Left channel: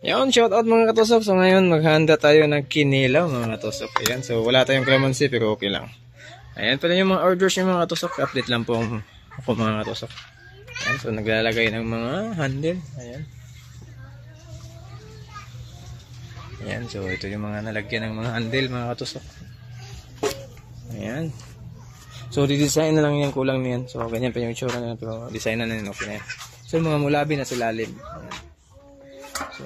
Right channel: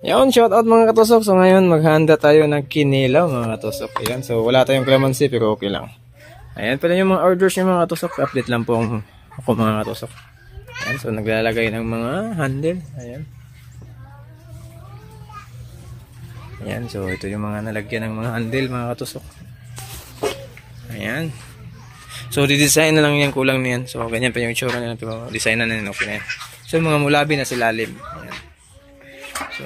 Yun, shout out mga katusok. So ngayon maghanda tayo ng kinilaw mga katusok. Ayan, so wala tayong calamansi pero okay lang. Ayan pala yung mga orders yung mga katusok. Update lang po ako mga katusok. Ayan, so naglalagay ng mga handle. Ayan. Ayan, so ito yung mga nalagyan ng mga handle mga katusok. Ayan. So didesign na lang yan, kulang niyan. So ganyan pa yung itsura nila pero design na yan, okay na yan. So mga mulabi na silalim. Ayan. So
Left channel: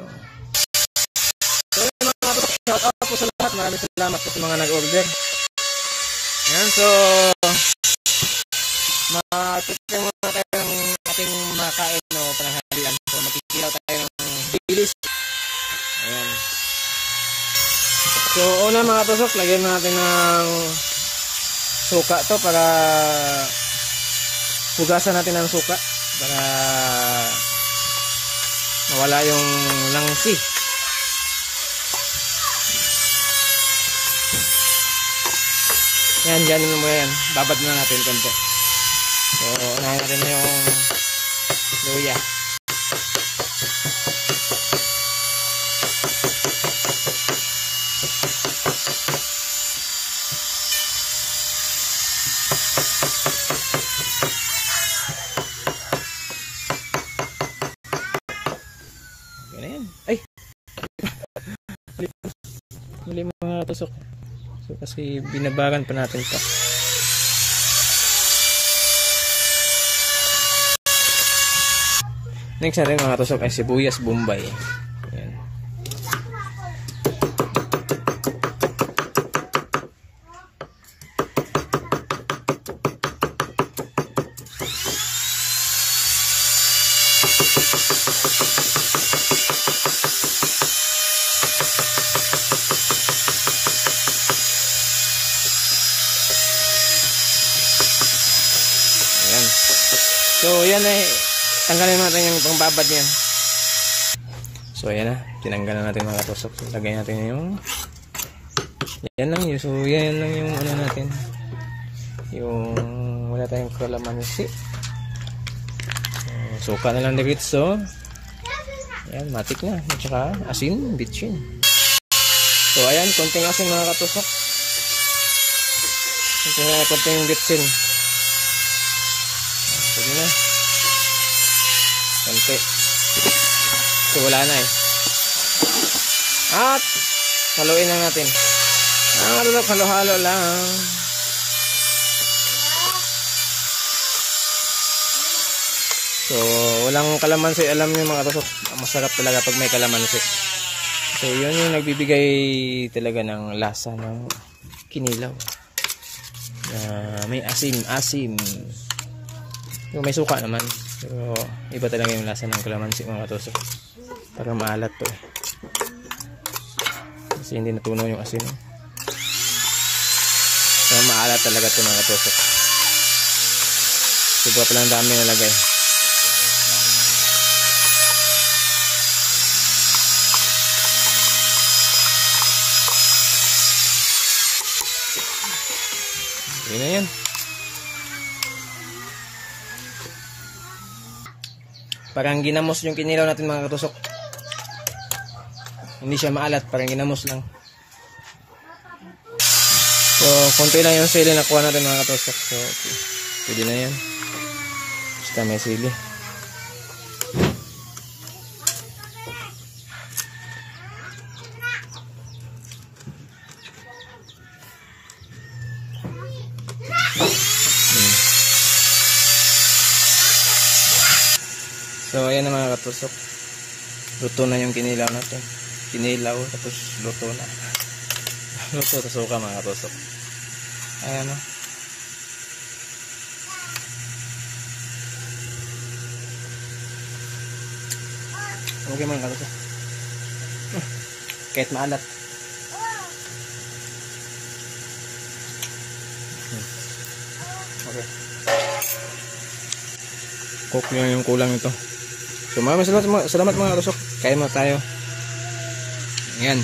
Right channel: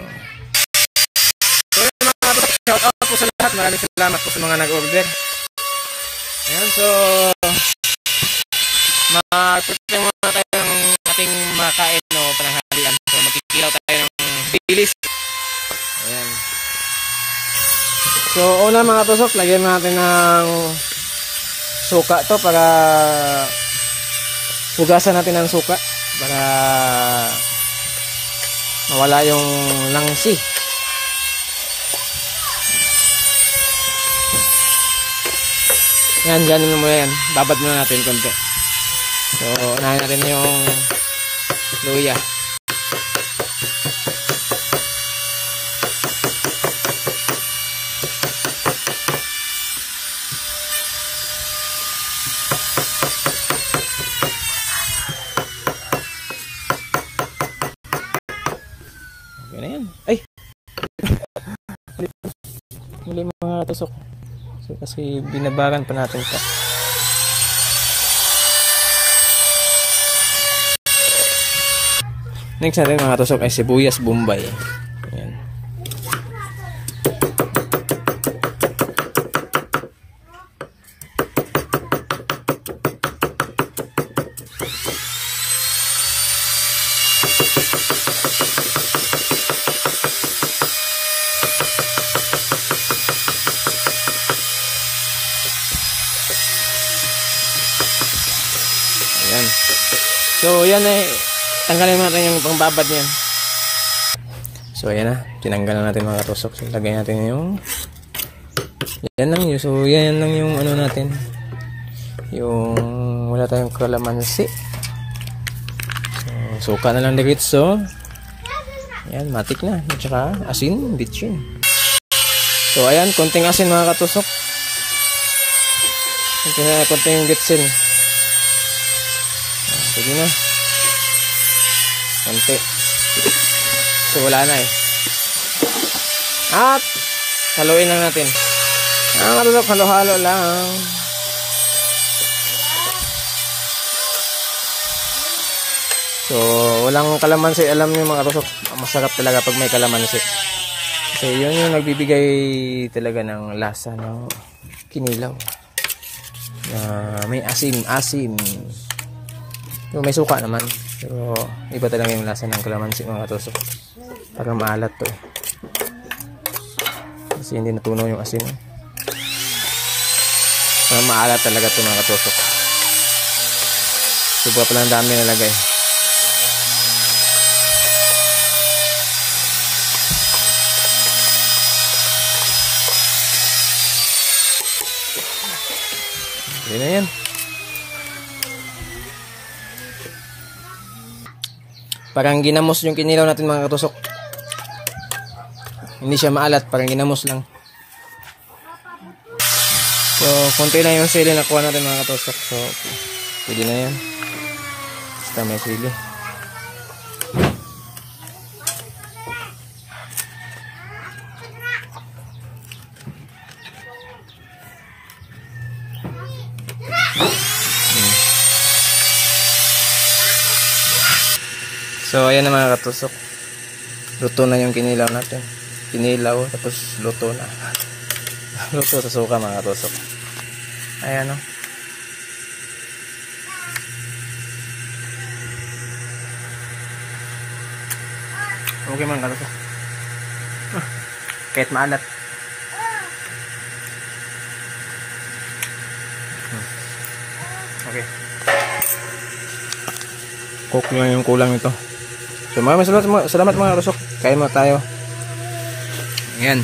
yun mga katusok, shout out po sa lahat. Maraming salamat po sa mga nag-order. Ayan, so mag-prepare muna tayo ng ating makain o pananghalian. So magkikilaw tayo ng bilis. Ayan. So una mga katusok, lagyan natin ng suka to para hugasan natin ng suka para mawala yung langsi. Yan, ganun mo yan. Babad muna natin konti. So, unahin natin yung luya. Okay na yan. Ay! Mali mga tusok. So, kasi binabaran pa natin ito. Next natin mga tusok ay sibuyas bombay. Ayan. Ayan. So, yan ay tanggalin natin yung pangbabad niyan. So, ayan na. Tinanggal na natin mga katusok. So, lagay natin yung yan lang yun. So, yan lang yung ano natin. Yung wala tayong kalamansi. So, suka na lang diretso. Ayan, matik na. At saka asin, bitchin. So, ayan. Konting asin mga katusok. Konting bitchin. Sige na. Konti. So wala na eh. At haluin lang natin. Halo-halo lang. So walang kalamansi. Alam niyo mga katusok, masarap talaga pag may kalamansi. Kasi yun yung nagbibigay talaga ng lasa ng kinilaw. May asim. So, may suka naman. Pero iba talaga yung lasa ng kalamansi mga katusok. Parang maalat to eh. Kasi hindi natunaw yung asin. Parang maalat talaga to mga katusok. Sobra pala ang dami nalagay. Yun na yan. Parang ginamos yung kinilaw natin mga katusok. Hindi siya maalat, parang ginamos lang. So, konti lang yung sili na kuha natin mga katusok. So, pwede na yan. Basta may sili. So, ayan na mga katusok. Luto na yung kinilaw natin. Kinilaw, tapos luto na. Luto sa suka mga katusok. Ayan o. Okay mga katusok. Kahit maalat. Okay. Cook lang yung kulang ito. So maraming salamat mga katusok. Kain mo tayo. Ayan.